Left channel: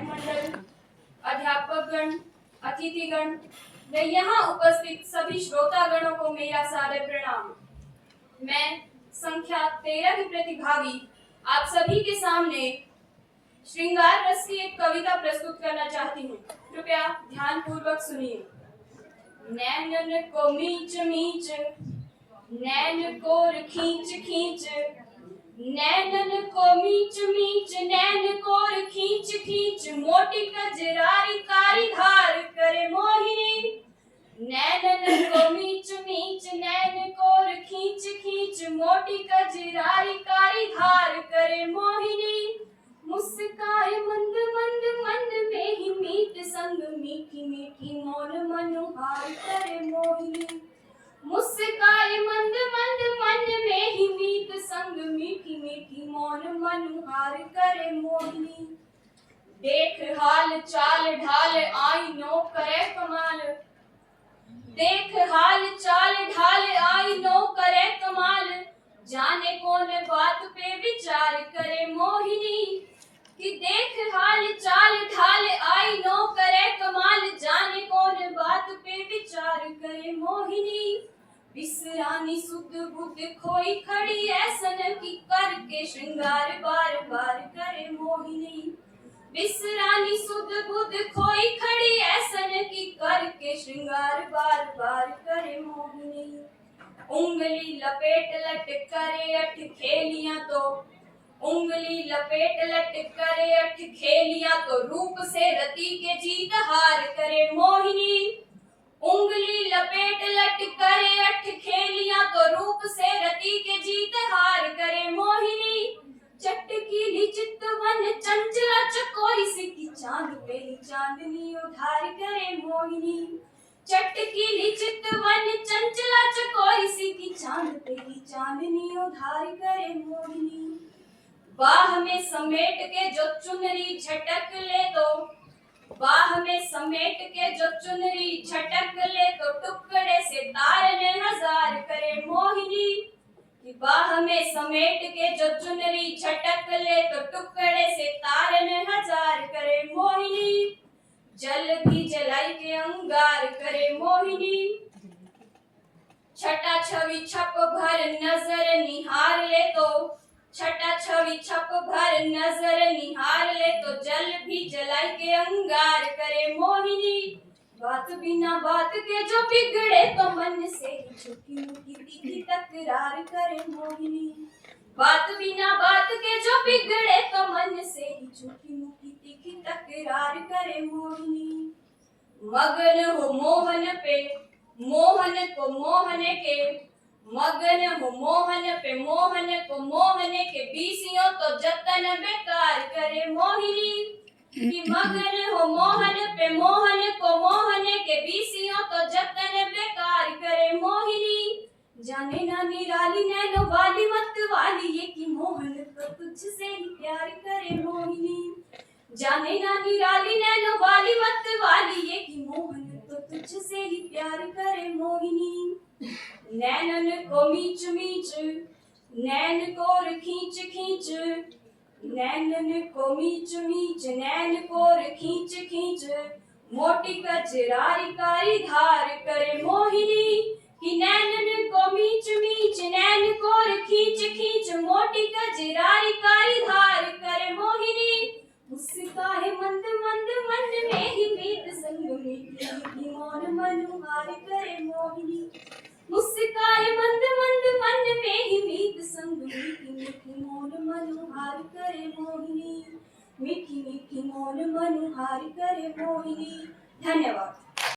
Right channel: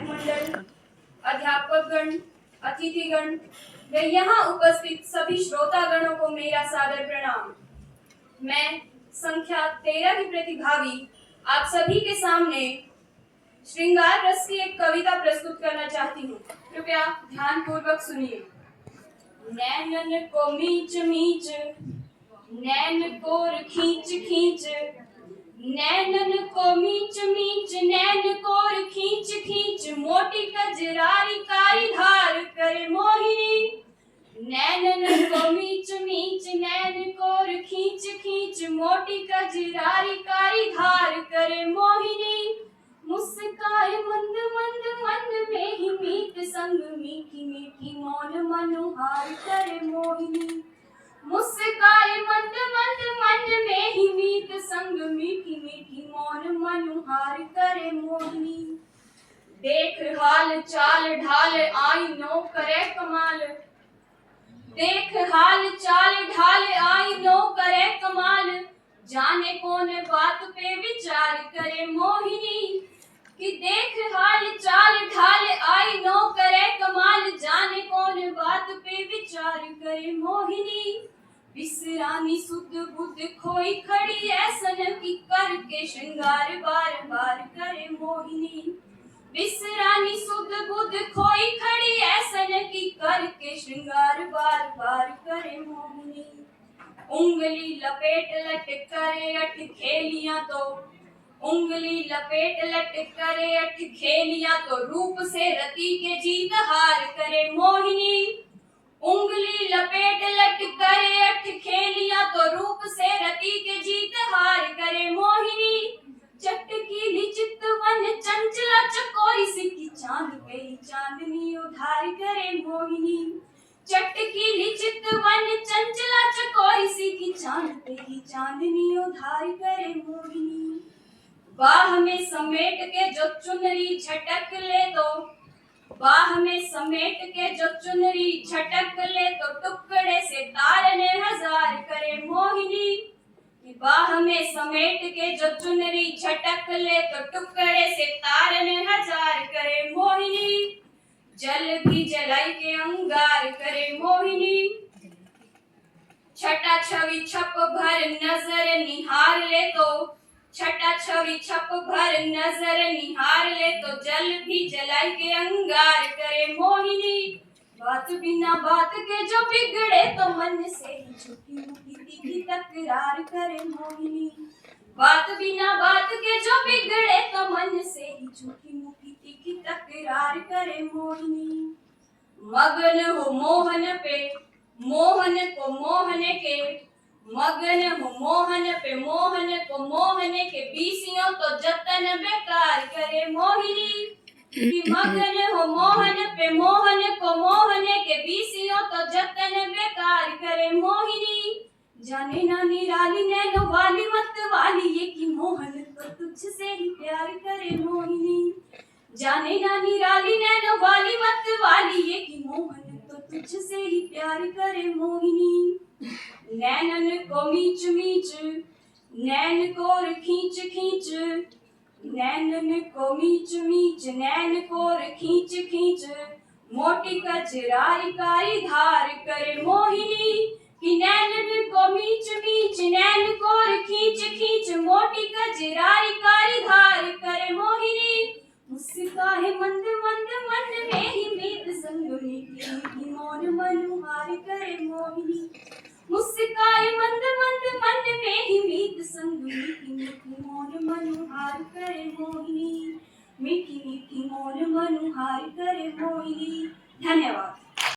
विधायक मंडल, अध्यापकगण, अतिथिगण व यहाँ उपस्थित सभी श्रोतागणों को मेरा सादर प्रणाम। मैं संख्या 13 की प्रतिभागी आप सभी के सामने श्रृंगार रस की एक कविता प्रस्तुत करना चाहती हूँ। कृपया ध्यानपूर्वक सुनिए। नैनन को मीच मीच, नैन कोर खींच खींच, नैनन को मीच मीच, नैन कोर खींच खींच, मोटी कजरारी कारी धार करे मोहिनी। नैनन को मीच मीच, नैन कोर खींच खींच, मोटी कजरारी कारी धार करे मोहिनी। मुस्काए मंद मंद मंद में ही मीत संग, मीठी मीठी मौन मनोहार करे मोहिनी। मुस्काए मंद मंद मन में ही मीत संग, मीठी मीठी मौन मनोहार करे मोहिनी। देख हाल चाल ढाल आई नो करे कमाल, देख हाल चाल ढाल आई नो करे कमाल, जाने कौन बात पे विचार करे मोहिनी। कि देख हाल चाल ढाल आई नो करे कमाल, जाने कौन बात पे विचार करे मोहिनी। विसरानी सुध बुध खोई खड़ी ऐसन की, करके श्रृंगार बार बार करे मोहिनी। विसरानी सुध बुध खोई खड़ी ऐसन की, करके श्रृंगार बार बार करे मोहिनी। उंगली लपेट लट करे अठ खेलियां तो, उंगली लपेट लट करे अठ खेलियां तो, रूप से रति के जीत हार करे मोहिनी। उंगली लपेट लट करे अठ खेलियां तो, रूप से रति के जीत हार करे मोहिनी। चटकीली चितवन चंचला चकोरी सी की, चांद पे ही चांदनी उधार करे मोहिनी। चटकीली चितवन चंचला चकोरी सी की, चांद पे ही चांदनी उधार करे मोहिनी। बाह में समेट के जो चुनरी झटक ले तो, बाह में समेट के जो चुनरी झटक ले तो, टुकड़े से तारने हजार करे मोहिनी। कि बाह में समेट के जो चुनरी झटक ले तो, टुकड़े से तारने हजार करे मोहिनी। जल भी जलाई के अंगार करे मोहिनी। छटा छवि छप भर नजर निहार ले तो, छटा छवि छप भर नजर निहार ले तो, जल भी जलाई के अंगार करे मोहिनी। बात बिना बात के जो बिगड़े तो, मन से ही छुपी मुकी तीखी तकरार करे मोहिनी। बात बिना बात के जो बिगड़े तो, मन से ही छुपी मुकी तीखी तकरार करे मोहिनी। मगन हो मोहन पे, मोहन को मोहन के, मगन हो मोहन पे, मोहन को मोहन के, बीसियों तो जतन बेकार करे मोहिनी। कि मगन हो मोहन पे, मोहन को मोहन के, बीसियों तो जतन बेकार करे मोहिनी। जाने ना निराली नैनो वाली मत वाली, ये कि मोहन तो तुझसे ही प्यार करे मोहिनी। जाने ना निराली नैनो वाली मत वाली, ये कि मोहन तो तुझसे ही प्यार करे मोहिनी। नैनन को मीच मीच, नैन कोर खींच खींच, नैनन को मीच मीच, नैन कोर खींच खींच, मोटी कजरारी कारी धार करे मोहिनी। कि नैनन को मीच मीच, नैन कोर खींच खींच, मोटी कजरारी कारी धार करे मोहिनी। मुस्काए मंद मंद मन में ही मीत संग, मीठी मीठी मौन मनोहार करे मोहिनी। मुस्काए मंद मंद मन में ही मीत संग, मीठी मीठी मौन मनोहार करे मोहिनी। मीठी मीठी मौन मनोहार करे मोहिनी। धन्यवाद।